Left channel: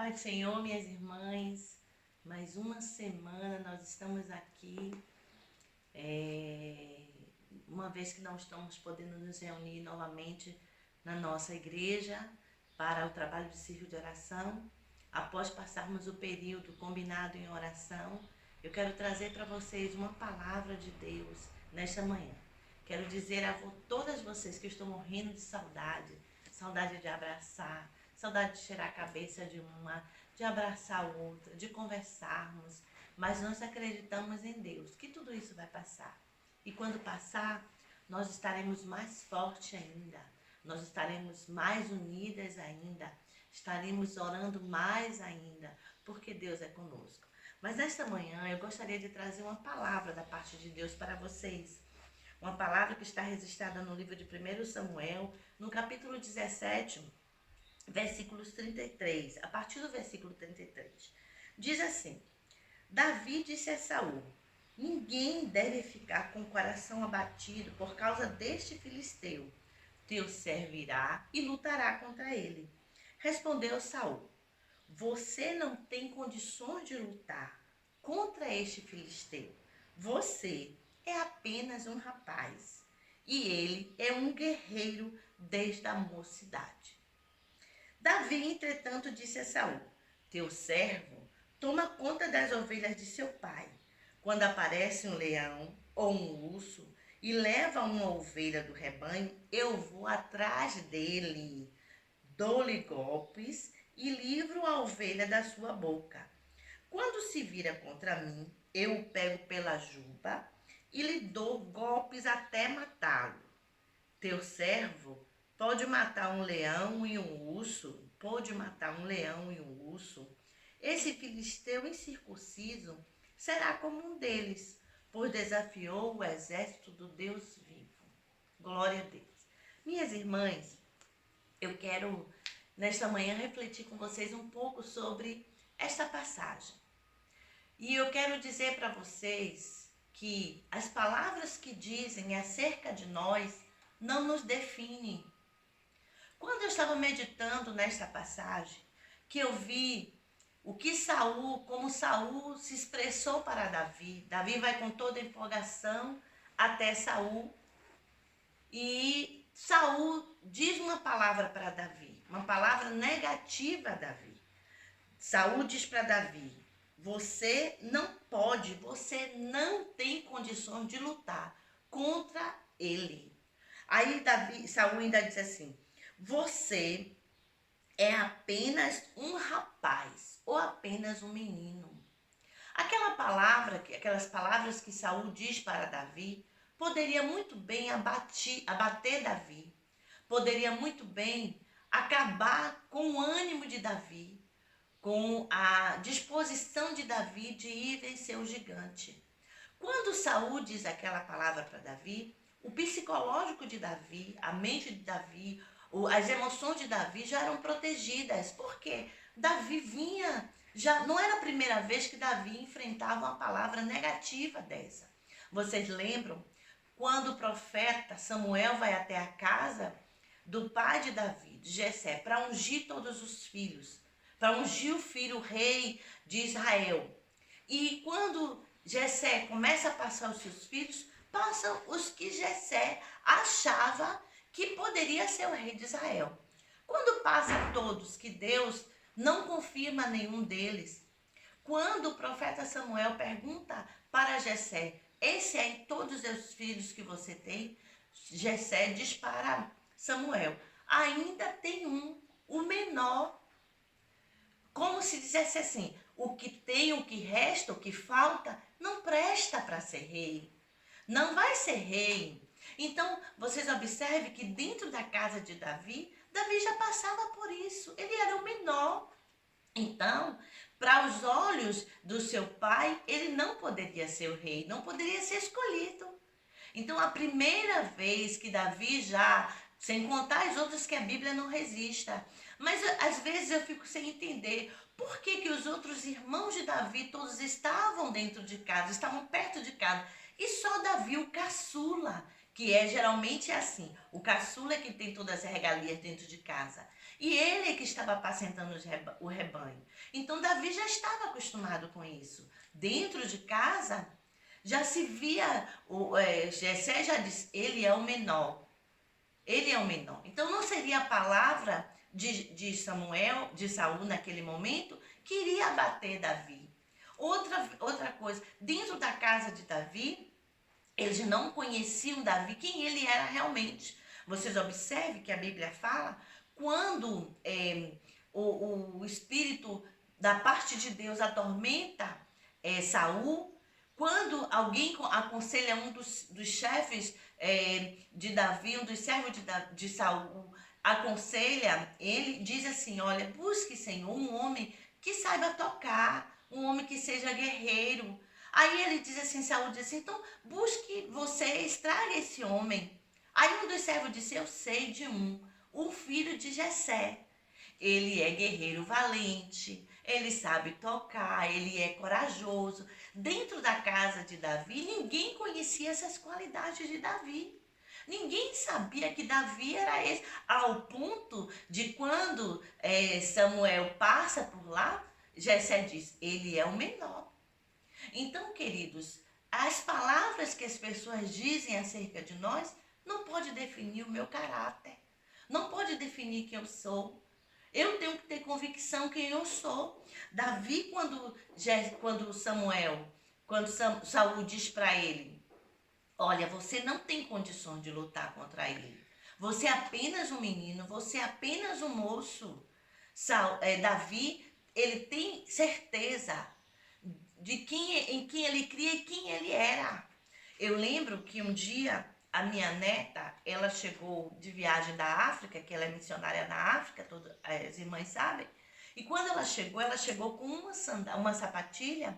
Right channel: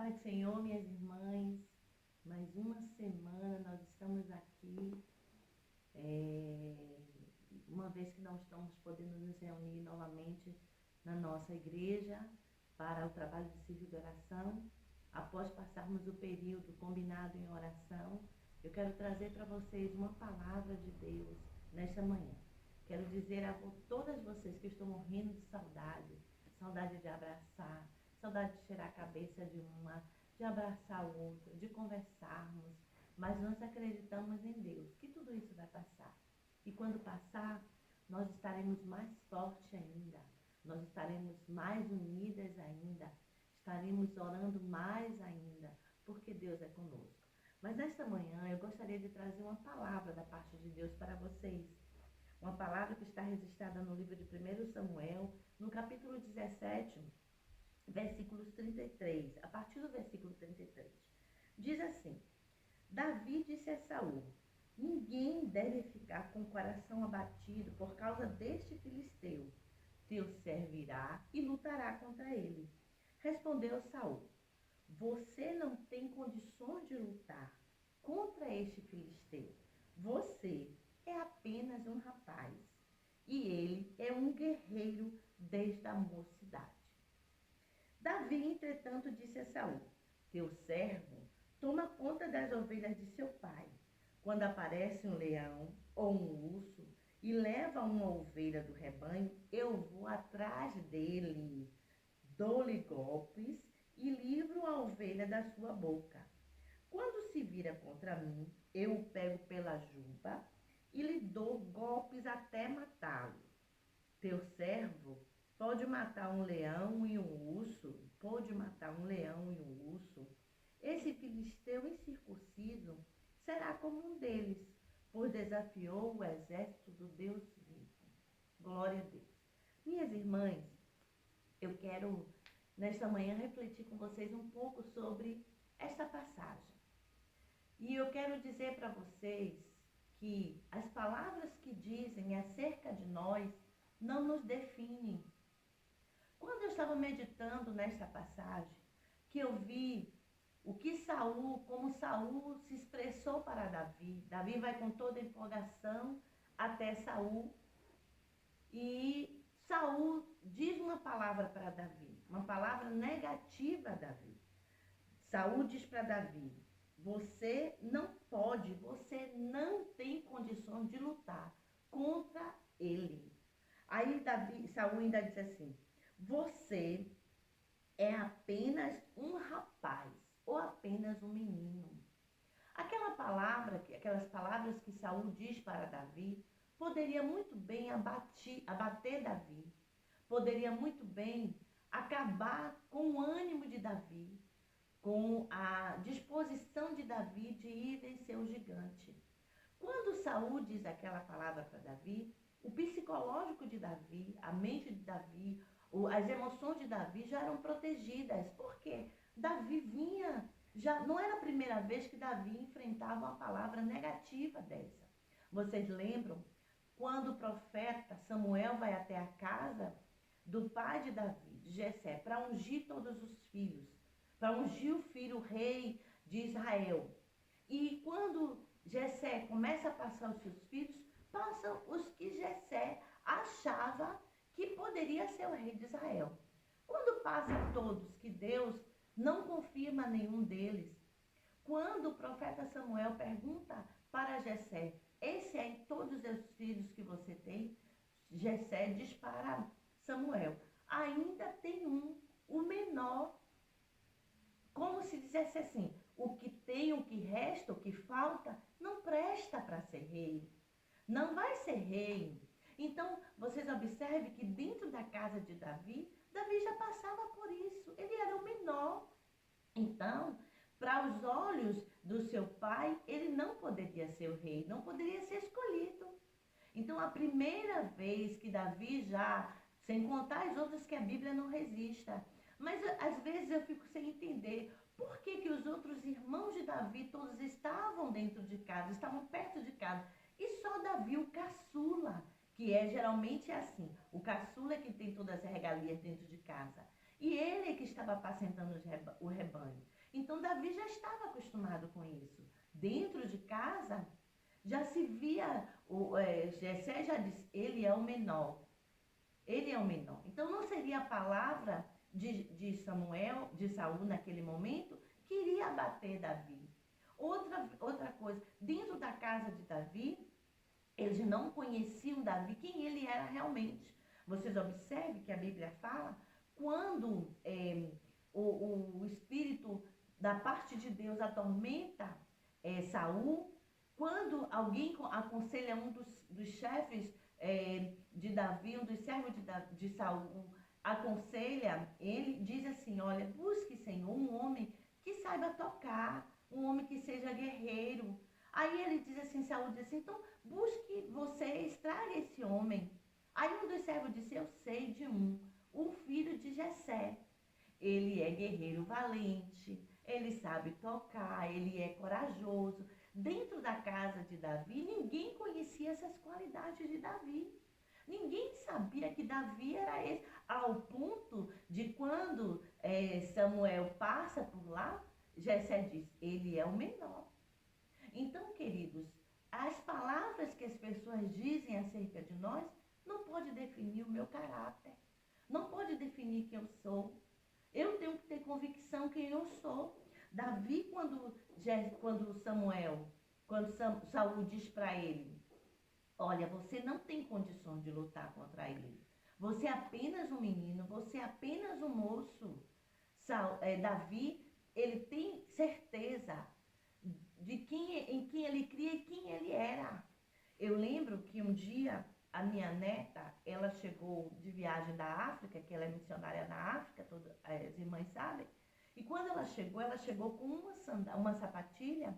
paz do Senhor, minhas irmãs. Mais uma semana nós estamos aqui. Uma vez que não estamos podendo nos reunir novamente na nossa igreja para o trabalho de círculo de oração, após passarmos o período combinado em oração, eu quero trazer para vocês uma palavra de Deus nesta manhã. Quero dizer a todas vocês que estão morrendo de saudade de abraçar, saudade de cheirar a cabeça de uma, de abraçar a outra, de conversarmos, mas nós acreditamos em Deus, que tudo isso vai passar. E quando passar, nós estaremos mais fortes ainda, nós estaremos mais unidas ainda, estaremos orando mais ainda, porque Deus é conosco. Mas nesta manhã eu gostaria de trazer uma palavra da parte de Deus para vocês. Uma palavra que está registrada no livro de 1 Samuel, no capítulo 17, versículos 33, a partir do versículo 33. Diz assim: Davi disse a Saul: ninguém deve ficar com o coração abatido por causa deste filisteu. Teu servo irá e lutará contra ele. Respondeu Saul: você não tem condições de lutar contra este filisteu. Você é apenas um rapaz e ele é um guerreiro desde a mocidade. Davi, entretanto, disse a Saul: teu servo toma conta das ovelhas de seu pai. Quando aparece um leão ou um urso e leva uma ovelha do rebanho, eu vou atrás dele, dou-lhe golpes e livro a ovelha da sua boca. Quando se vira contra mim, eu o pego pela juba e lhe dou golpes até matá-lo. Teu servo pode matar um leão e um urso, Esse filisteu incircunciso será como um deles, pois desafiou o exército do Deus vivo. Glória a Deus. Minhas irmãs, eu quero nesta manhã refletir com vocês um pouco sobre esta passagem. E eu quero dizer para vocês que as palavras que dizem acerca de nós não nos definem. Quando eu estava meditando nesta passagem, que eu vi o que como Saul se expressou para Davi. Davi vai com toda a empolgação até Saul e Saul diz uma palavra para Davi, uma palavra negativa a Davi. Saul diz para Davi: você não pode, você não tem condições de lutar contra ele. Aí Saul ainda diz assim: você é apenas um rapaz ou apenas um menino. Aquelas palavras que Saul diz para Davi, poderia muito bem abater Davi, poderia muito bem acabar com o ânimo de Davi, com a disposição de Davi de ir vencer o gigante. Quando Saul diz aquela palavra para Davi, o psicológico de Davi, a mente de Davi, as emoções de Davi já eram protegidas, porque Davi já não era a primeira vez que Davi enfrentava uma palavra negativa dessa. Vocês lembram quando o profeta Samuel vai até a casa do pai de Davi, de Jessé, para ungir todos os filhos, para ungir o filho, o rei de Israel. E quando Jessé começa a passar os seus filhos, passam os que Jessé achava que poderia ser o rei de Israel. Quando passa todos, que Deus não confirma nenhum deles, quando o profeta Samuel pergunta para Jessé: esse é em todos os filhos que você tem? Jessé diz para Samuel: ainda tem um, o menor. Como se dissesse assim: o que tem, o que resta, o que falta, não presta para ser rei. Não vai ser rei. Então, vocês observem que dentro da casa de Davi, Davi já passava por isso. Ele era o menor. Então, para os olhos do seu pai, ele não poderia ser o rei, não poderia ser escolhido. Então, a primeira vez que Davi já, sem contar as outras que a Bíblia não resista, mas às vezes eu fico sem entender por que os outros irmãos de Davi todos estavam dentro de casa, estavam perto de casa, e só Davi, o caçula, que geralmente assim, o caçula é que tem todas as regalias dentro de casa. E ele é que estava apacentando o rebanho. Então Davi já estava acostumado com isso. Dentro de casa já se via, Jessé já disse, ele é o menor. Ele é o menor. Então não seria a palavra de Samuel, de Saul naquele momento, que iria abater Davi. Outra coisa, dentro da casa de Davi, eles não conheciam Davi, quem ele era realmente. Vocês observem que a Bíblia fala, quando o espírito da parte de Deus atormenta Saul, quando alguém aconselha um dos chefes de Davi, um dos servos de Saul, aconselha ele, diz assim, olha, busque, Senhor, um homem que saiba tocar, um homem que seja guerreiro. Aí ele diz assim, Saul diz assim, então busque vocês, traga esse homem. Aí um dos servos disse, eu sei de o filho de Jessé. Ele é guerreiro valente, ele sabe tocar, ele é corajoso. Dentro da casa de Davi, ninguém conhecia essas qualidades de Davi. Ninguém sabia que Davi era esse, ao ponto de quando Samuel passa por lá, Jessé diz, ele é o menor. Então, queridos, as palavras que as pessoas dizem acerca de nós não pode definir o meu caráter, não pode definir quem eu sou. Eu tenho que ter convicção quem eu sou. Davi, quando Saul diz para ele, olha, você não tem condições de lutar contra ele. Você é apenas um menino, você é apenas um moço. Davi, ele tem certeza em quem ele cria e quem ele era. Eu lembro que um dia a minha neta, ela chegou de viagem da África, que ela é missionária na África, as irmãs sabem. E quando ela chegou com uma sapatilha,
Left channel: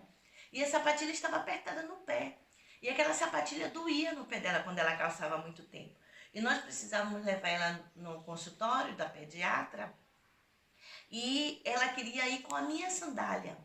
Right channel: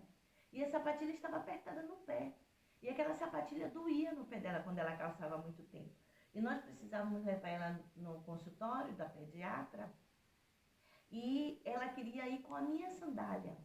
e a sapatilha estava apertada no pé. E aquela sapatilha doía no pé dela quando ela calçava muito tempo. E nós precisávamos levar ela no consultório da pediatra, e ela queria ir com a minha sandália.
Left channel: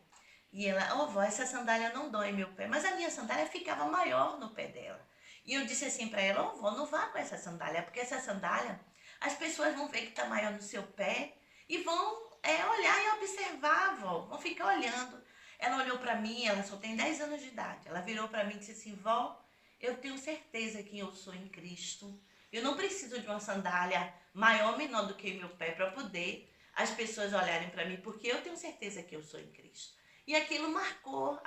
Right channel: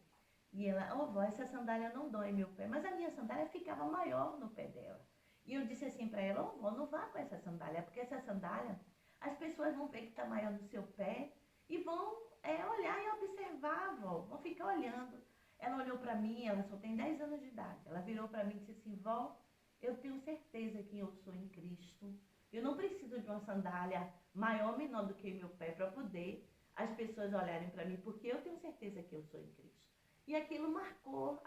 E ela, vó, essa sandália não dói meu pé. Mas a minha sandália ficava maior no pé dela. E eu disse assim para ela, vó, não vá com essa sandália, porque essa sandália, as pessoas vão ver que está maior no seu pé e vão olhar e observar, vó, vão ficar olhando. Ela olhou para mim, ela só tem 10 anos de idade. Ela virou para mim e disse assim, vó, eu tenho certeza que eu sou em Cristo. Eu não preciso de uma sandália maior ou menor do que meu pé para poder as pessoas olharem para mim, porque eu tenho certeza que eu sou em Cristo. E aquilo marcou,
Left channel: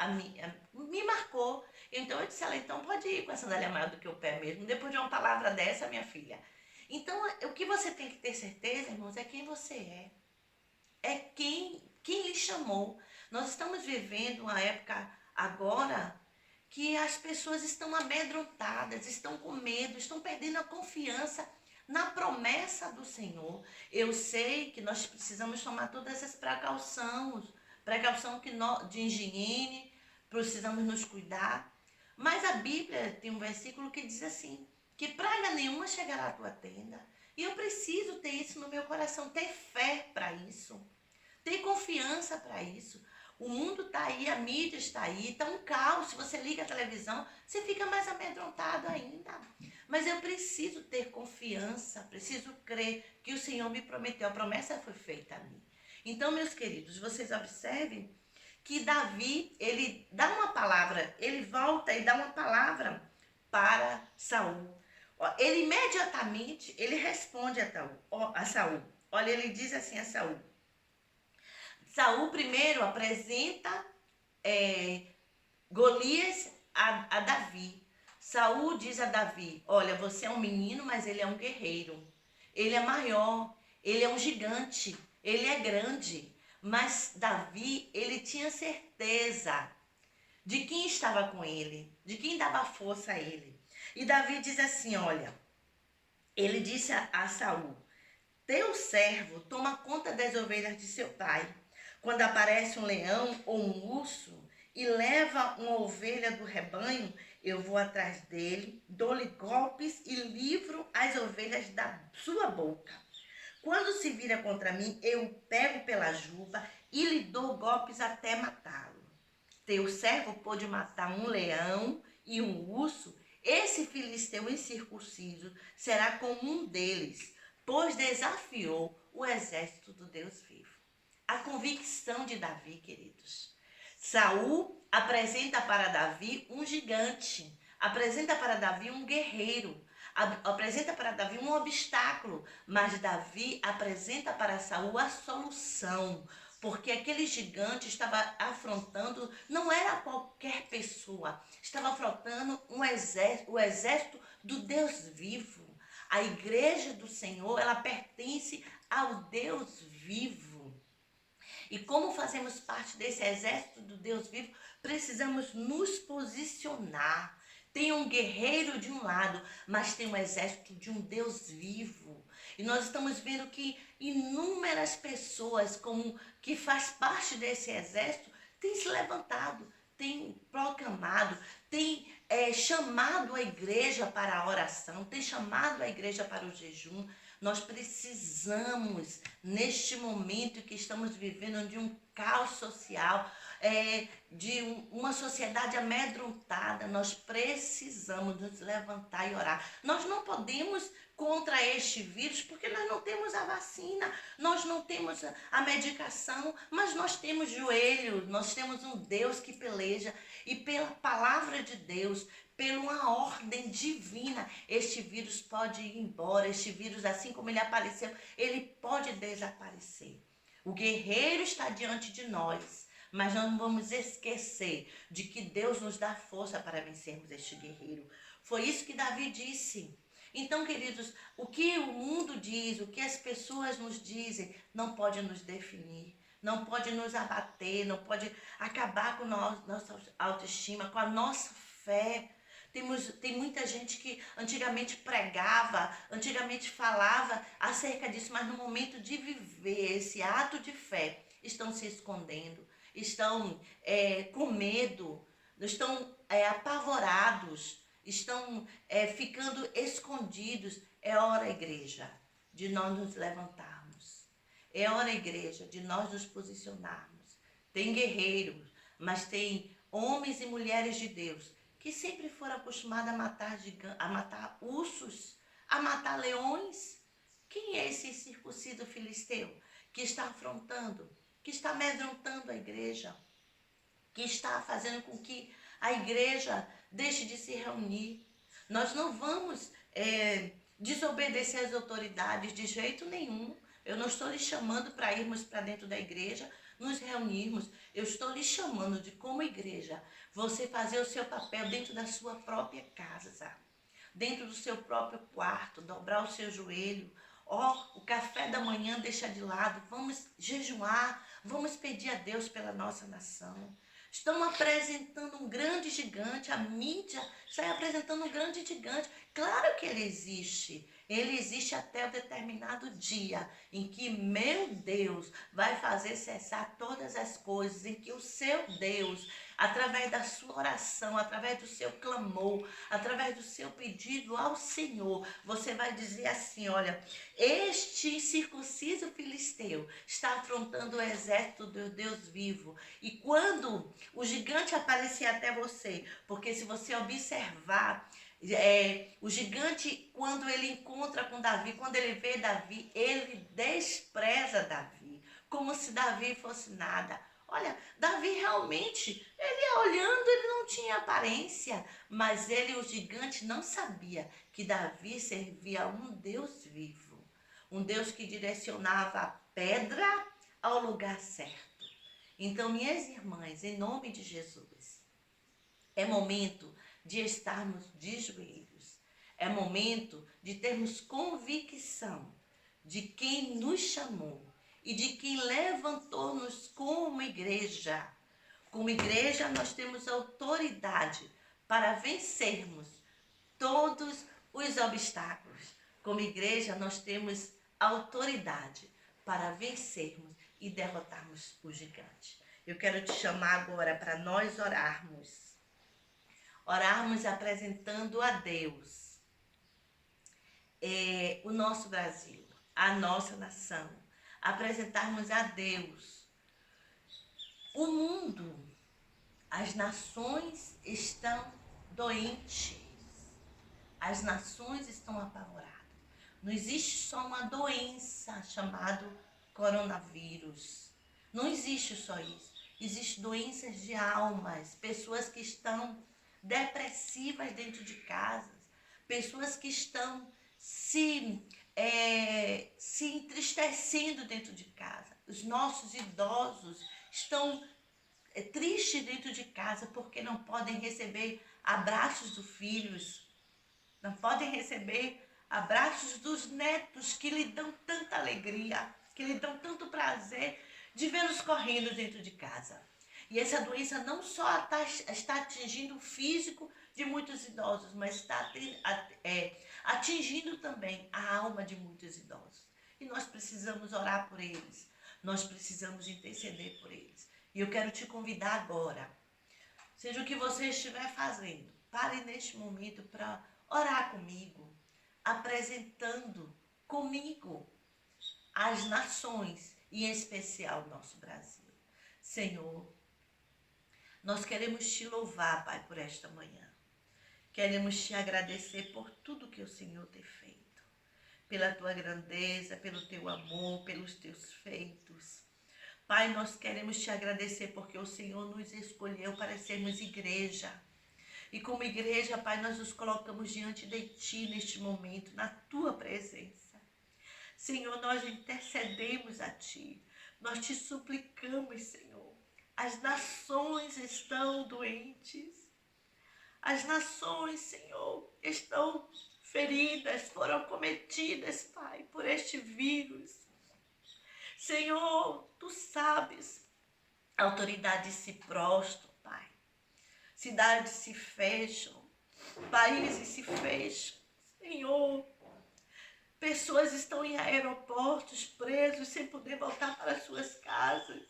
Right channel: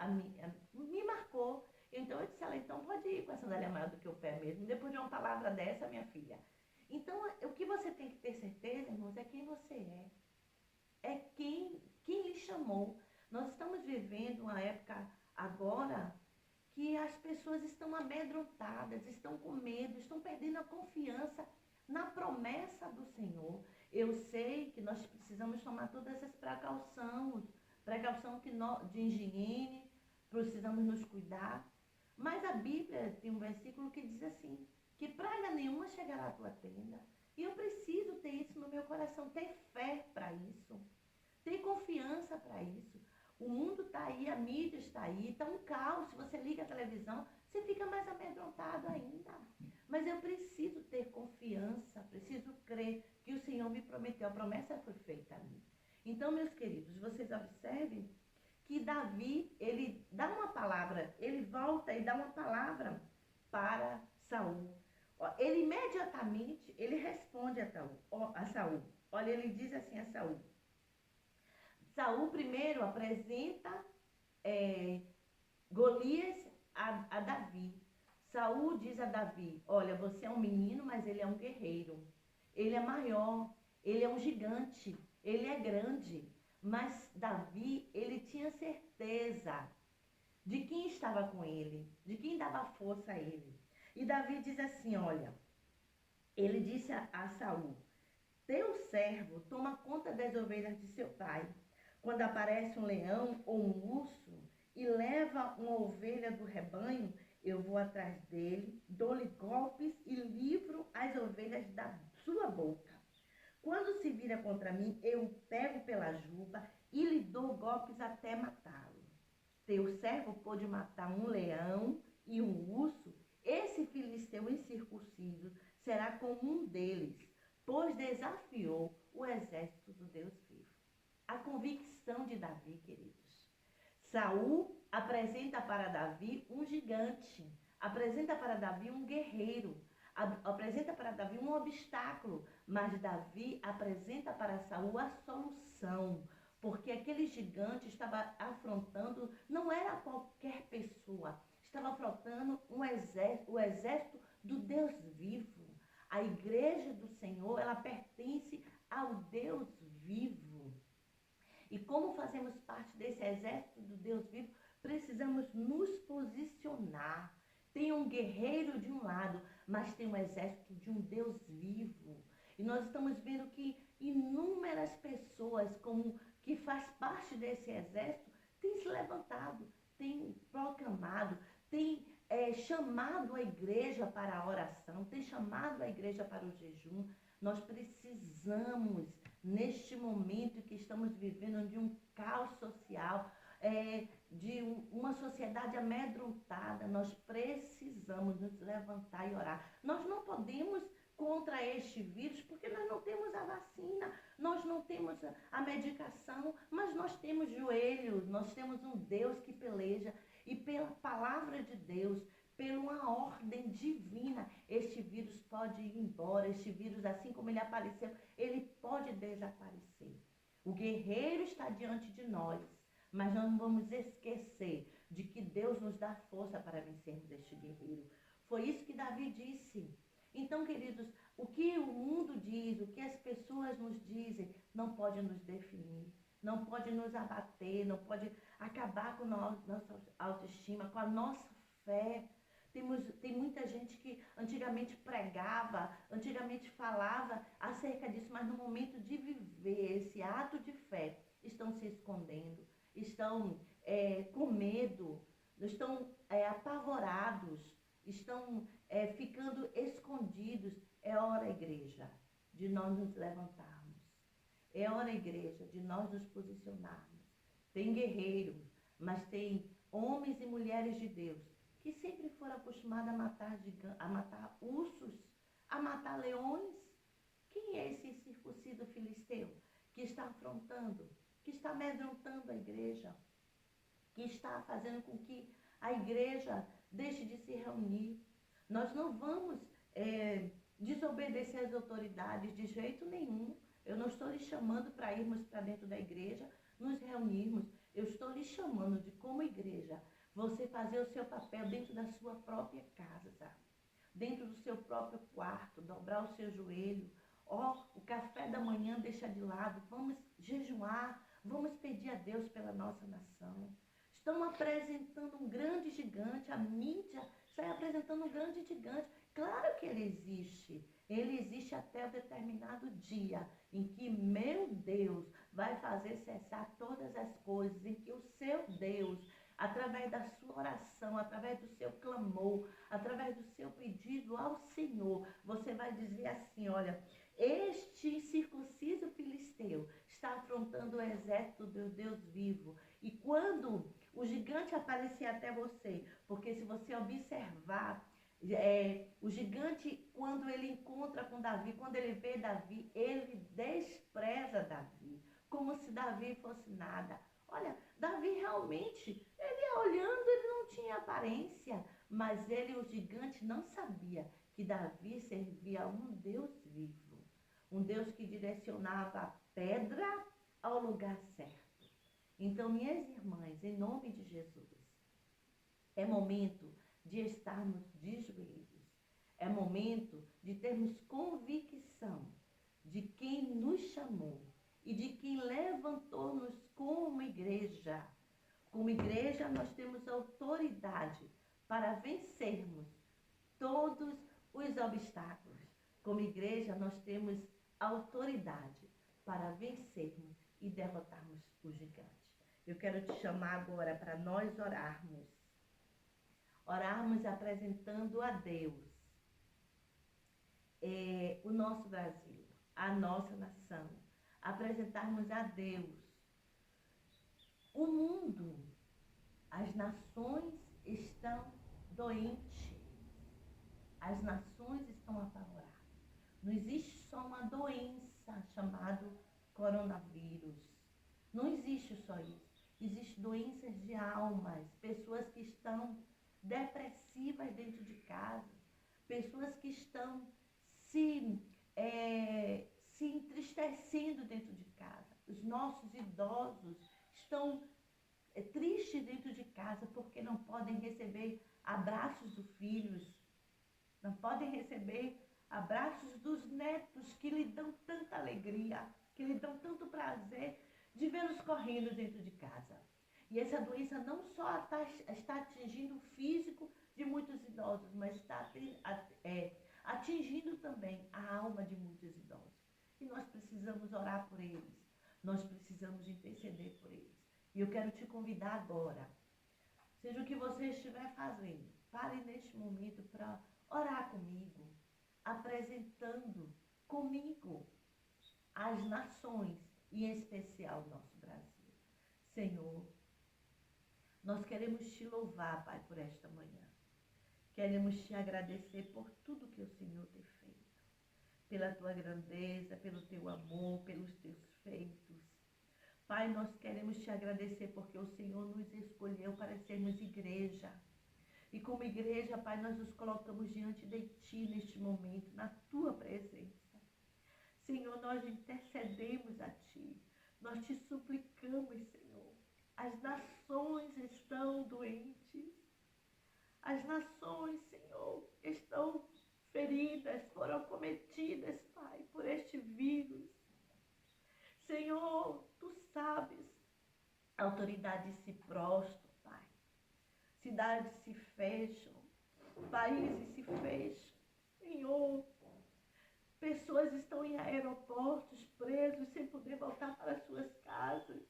me marcou. Então eu disse a ela, então pode ir com a sandália maior do que o pé mesmo, depois de uma palavra dessa, minha filha. Então o que você tem que ter certeza, irmãos, é quem você é. É quem lhe chamou. Nós estamos vivendo uma época agora que as pessoas estão amedrontadas, estão com medo, estão perdendo a confiança na promessa do Senhor. Eu sei que nós precisamos tomar todas essas precaução de higiene, precisamos nos cuidar. Mas a Bíblia tem um versículo que diz assim, que praga nenhuma chegará à tua tenda. E eu preciso ter isso no meu coração, ter fé para isso, ter confiança para isso. O mundo está aí, a mídia está aí, está um caos. Se você liga a televisão, você fica mais amedrontado ainda. Mas eu preciso ter confiança, preciso crer que o Senhor me prometeu, a promessa foi feita a mim. Então, meus queridos, vocês observem que Davi, ele dá uma palavra, ele volta e dá uma palavra para Saul. Ele imediatamente, ele responde a Saul. Olha, ele diz assim a Saul. Saul primeiro apresenta Golias a Davi. Saul diz a Davi, olha, você é um menino, mas ele é um guerreiro. Ele é maior, ele é um gigante, ele é grande. Mas Davi, ele tinha certeza de quem estava com ele, de quem dava força a ele. E Davi diz assim, olha, ele disse a Saul, teu servo toma conta das ovelhas de seu pai. Quando aparece um leão ou um urso e leva uma ovelha do rebanho, eu vou atrás dele, dou-lhe golpes e livro as ovelhas da sua boca. Quando se vira contra mim, eu pego pela juba e lhe dou golpes até matá-lo. Teu servo pôde matar um leão e um urso, esse filisteu incircunciso será como um deles, pois desafiou o exército do Deus vivo. A convicção de Davi, queridos. Saul apresenta para Davi um gigante, apresenta para Davi um guerreiro, apresenta para Davi um obstáculo, mas Davi apresenta para Saul a solução, porque aquele gigante estava afrontando, não era qualquer pessoa, estava afrontando o exército do Deus vivo. A igreja do Senhor, ela pertence ao Deus vivo. E como fazemos parte desse exército do Deus vivo, precisamos nos posicionar. Tem um guerreiro de um lado, mas tem um exército de um Deus vivo. E nós estamos vendo que inúmeras pessoas que faz parte desse exército têm se levantado, têm proclamado, têm chamado a igreja para a oração, têm chamado a igreja para o jejum. Nós precisamos, neste momento que estamos vivendo, de um caos social, de uma sociedade amedrontada, nós precisamos nos levantar e orar. Nós não podemos contra este vírus, porque nós não temos a vacina, nós não temos a medicação, mas nós temos joelho, nós temos um Deus que peleja, e pela palavra de Deus, pela uma ordem divina, este vírus pode ir embora, este vírus, assim como ele apareceu, ele pode desaparecer. O guerreiro está diante de nós, mas nós não vamos esquecer de que Deus nos dá força para vencermos este guerreiro. Foi isso que Davi disse. Então, queridos, o que o mundo diz, o que as pessoas nos dizem, não pode nos definir, não pode nos abater, não pode acabar com nossa autoestima, com a nossa fé. Tem muita gente que antigamente pregava, antigamente falava acerca disso, mas no momento de viver esse ato de fé, estão se escondendo, estão com medo, estão apavorados, estão ficando escondidos. É hora, igreja, de nós nos levantarmos. É hora, igreja, de nós nos posicionarmos. Tem guerreiros, mas tem homens e mulheres de Deus que sempre foram acostumados a matar ursos, a matar leões. Quem é esse circunciso filisteu que está afrontando, que está amedrontando a igreja, que está fazendo com que a igreja deixe de se reunir? Nós não vamos desobedecer às autoridades de jeito nenhum. Eu não estou lhe chamando para irmos para dentro da igreja, nos reunirmos. Eu estou lhe chamando de, como igreja, você fazer o seu papel dentro da sua própria casa, dentro do seu próprio quarto, dobrar o seu joelho. O café da manhã deixa de lado, vamos jejuar, vamos pedir a Deus pela nossa nação. Estão apresentando um grande gigante, a mídia está apresentando um grande gigante. Claro que ele existe até um determinado dia em que meu Deus vai fazer cessar todas as coisas, em que o seu Deus, através da sua oração, através do seu clamor, através do seu pedido ao Senhor, você vai dizer assim: olha, este circunciso filisteu está afrontando o exército do Deus vivo. E quando o gigante aparecer até você, porque se você observar, o gigante, quando ele encontra com Davi, quando ele vê Davi, ele despreza Davi, como se Davi fosse nada. Olha, Davi realmente, ele olhando, ele não tinha aparência, mas o gigante, não sabia que Davi servia a um Deus vivo, um Deus que direcionava a pedra ao lugar certo. Então, minhas irmãs, em nome de Jesus, é momento de estarmos de joelhos, é momento de termos convicção de quem nos chamou e de quem levantou-nos como igreja. Como igreja, nós temos autoridade para vencermos todos os obstáculos. Como igreja, nós temos autoridade para vencermos e derrotarmos o gigante. Eu quero te chamar agora para nós orarmos. Orarmos apresentando a Deus o nosso Brasil, a nossa nação. Apresentarmos a Deus o mundo. As nações estão doentes. As nações estão apavoradas. Não existe só uma doença chamada coronavírus. Não existe só isso. Existem doenças de almas, pessoas que estão depressivas dentro de casas, pessoas que estão se entristecendo dentro de casa. Os nossos idosos estão tristes dentro de casa porque não podem receber abraços dos filhos, não podem receber abraços dos netos que lhe dão tanta alegria, que lhe dão tanto prazer de vê-los correndo dentro de casa. E essa doença não só está atingindo o físico de muitos idosos, mas está atingindo também a alma de muitos idosos. E nós precisamos orar por eles, nós precisamos interceder por eles. E eu quero te convidar agora, seja o que você estiver fazendo, pare neste momento para orar comigo, apresentando comigo as nações, e em especial o nosso Brasil. Senhor, nós queremos te louvar, Pai, por esta manhã. Queremos te agradecer por tudo que o Senhor tem feito, pela tua grandeza, pelo teu amor, pelos teus feitos. Pai, nós queremos te agradecer porque o Senhor nos escolheu para sermos igreja. E como igreja, Pai, nós nos colocamos diante de Ti neste momento, na Tua presença. Senhor, nós intercedemos a Ti. Nós te suplicamos, Senhor. As nações estão doentes. As nações, Senhor, estão feridas, foram cometidas, Pai, por este vírus. Senhor, Tu sabes, autoridades se prostram, Pai. Cidades se fecham, países se fecham. Senhor, pessoas estão em aeroportos presos sem poder voltar para suas casas.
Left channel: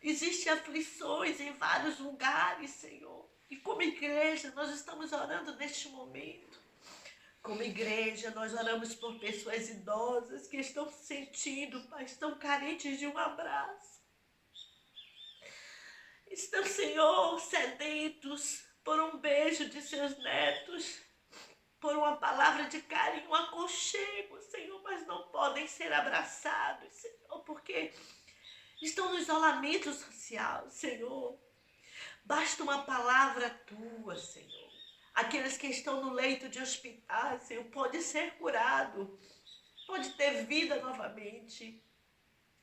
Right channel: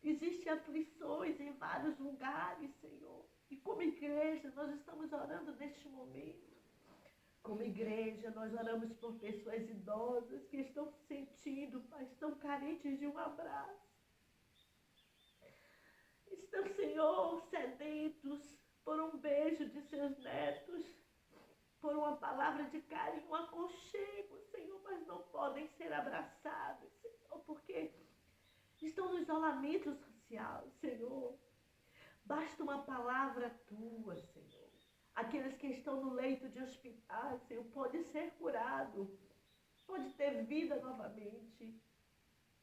Existem aflições em vários lugares, Senhor. E como igreja, nós estamos orando neste momento. Como igreja, nós oramos por pessoas idosas que estão sentindo, Pai, estão carentes de um abraço. Estão, Senhor, sedentos por um beijo de seus netos, por uma palavra de carinho, um aconchego, Senhor, mas não podem ser abraçados, Senhor, porque estão no isolamento social, Senhor. Basta uma palavra Tua, Senhor. Aqueles que estão no leito de hospital, Senhor, pode ser curado, pode ter vida novamente.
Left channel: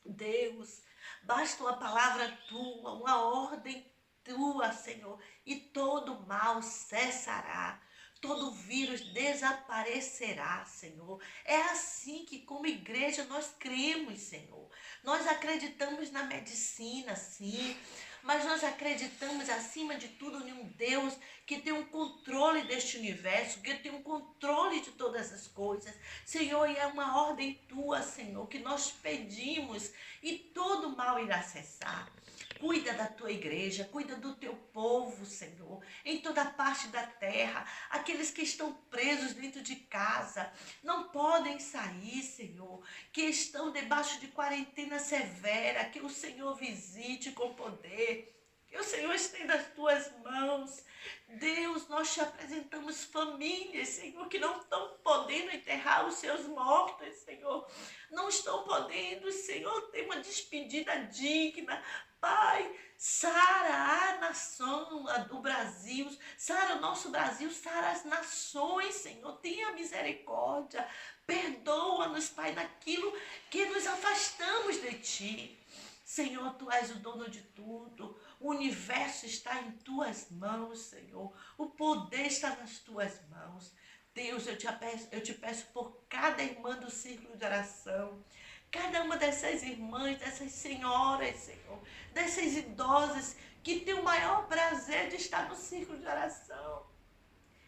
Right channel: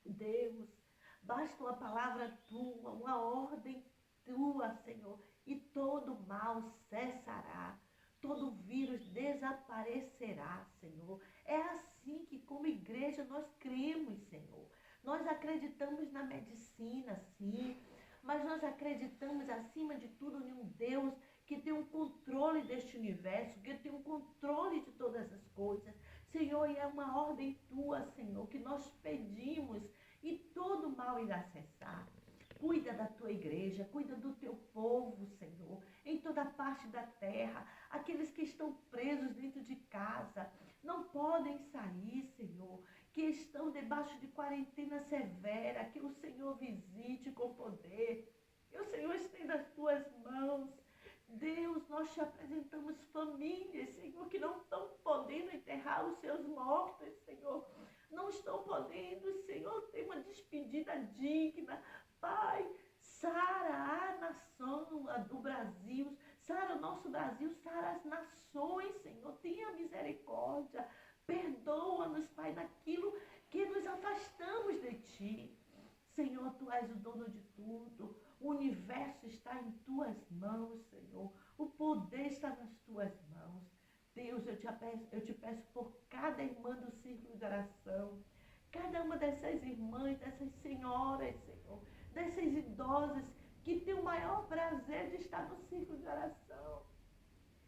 Deus, basta uma palavra Tua, uma ordem Tua, Senhor, e todo mal cessará, todo vírus desaparecerá, Senhor. É assim que como igreja nós cremos, Senhor. Nós acreditamos na medicina, sim, mas nós acreditamos acima de tudo em um Deus que tem um controle deste universo, que tem um controle de todas as coisas. Senhor, e é uma ordem Tua, Senhor, que nós pedimos e todo mal irá cessar. Cuida da Tua igreja, cuida do Teu povo, Senhor, em toda parte da terra. Aqueles que estão presos dentro de casa, não podem sair, Senhor, que estão debaixo de quarentena severa, que o Senhor visite com poder, que o Senhor estenda as Tuas mãos. Deus, nós te apresentamos famílias, Senhor, que não estão podendo enterrar os seus mortos, Senhor. Não estão podendo, Senhor, ter uma despedida digna. Pai, sara a nação do Brasil, sara o nosso Brasil, sara as nações, Senhor. Tenha misericórdia. Perdoa-nos, Pai, naquilo que nos afastamos de Ti. Senhor, Tu és o dono de tudo. O universo está em Tuas mãos, Senhor. O poder está nas Tuas mãos. Deus, eu te peço por cada irmã do círculo de oração, cada uma dessas irmãs, dessas senhoras, Senhor, dessas idosas que têm o maior prazer de estar no círculo de oração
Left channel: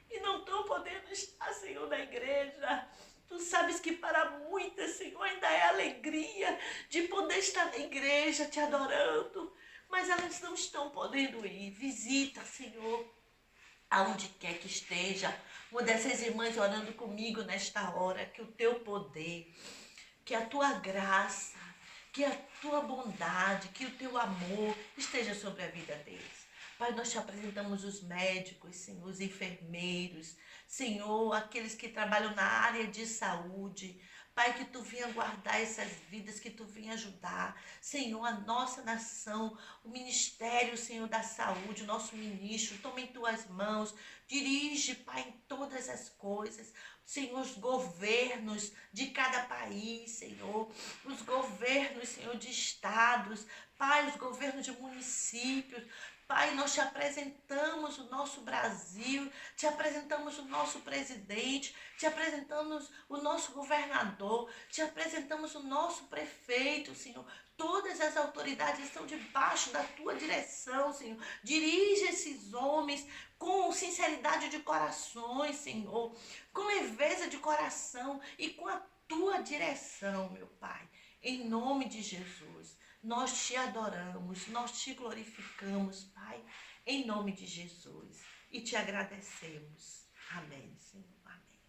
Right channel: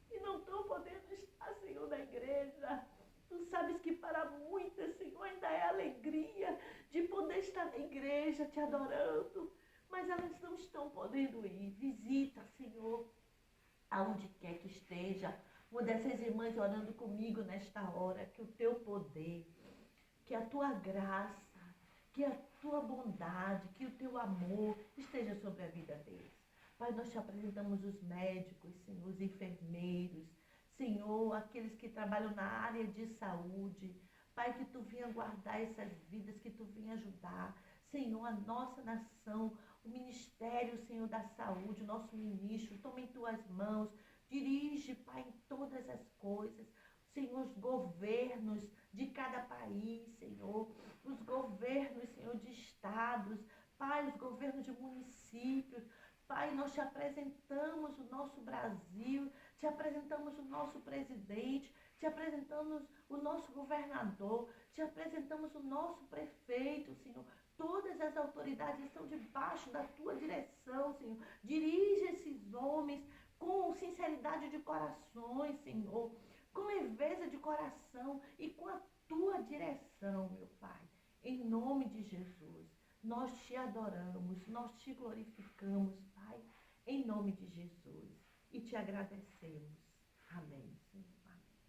e não estão podendo estar, Senhor, na igreja. Tu sabes que para muitas, Senhor, ainda é alegria de poder estar na igreja te adorando, mas elas não estão podendo ir. Visita, Senhor, aonde quer que esteja, uma dessas irmãs orando comigo nesta hora, que o Teu poder, que a Tua graça, que a Tua bondade, que o Teu amor esteja sobre a vida deles. Pai, nós te apresentamos os médicos, Senhor, os enfermeiros, Senhor, aqueles que trabalham na área de saúde. Pai, que tu venha guardar essas vidas, que tu venha ajudar. Senhor, a nossa nação, o ministério, Senhor, da saúde, o nosso ministro, toma em tuas mãos. Dirige, Pai, em todas as coisas. Senhor, os governos de cada país, Senhor. Os governos, Senhor, de estados. Pai, os governos de municípios. Pai, nós te apresentamos o nosso Brasil, te apresentamos o nosso presidente, te apresentamos o nosso governador, te apresentamos o nosso prefeito, Senhor. Todas as autoridades estão debaixo da tua direção, Senhor. Dirige esses homens com sinceridade de corações, Senhor, com leveza de coração e com a tua direção, meu Pai. Em nome de Jesus. Nós te adoramos, nós te glorificamos, Pai, em nome de Jesus. E te agradecemos. Amém, Senhor. Amém.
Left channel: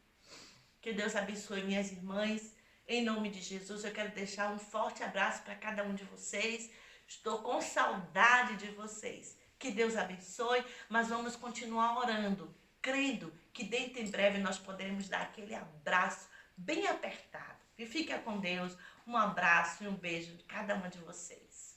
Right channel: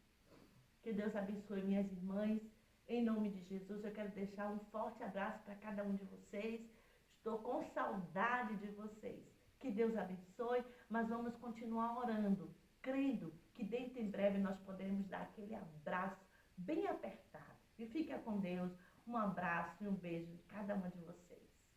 Que Deus abençoe minhas irmãs. Em nome de Jesus, eu quero deixar um forte abraço para cada um de vocês. Estou com saudade de vocês. Que Deus abençoe, mas vamos continuar orando, crendo que dentro em breve nós podemos dar aquele abraço bem apertado. E fica com Deus. Um abraço e um beijo de cada uma de vocês.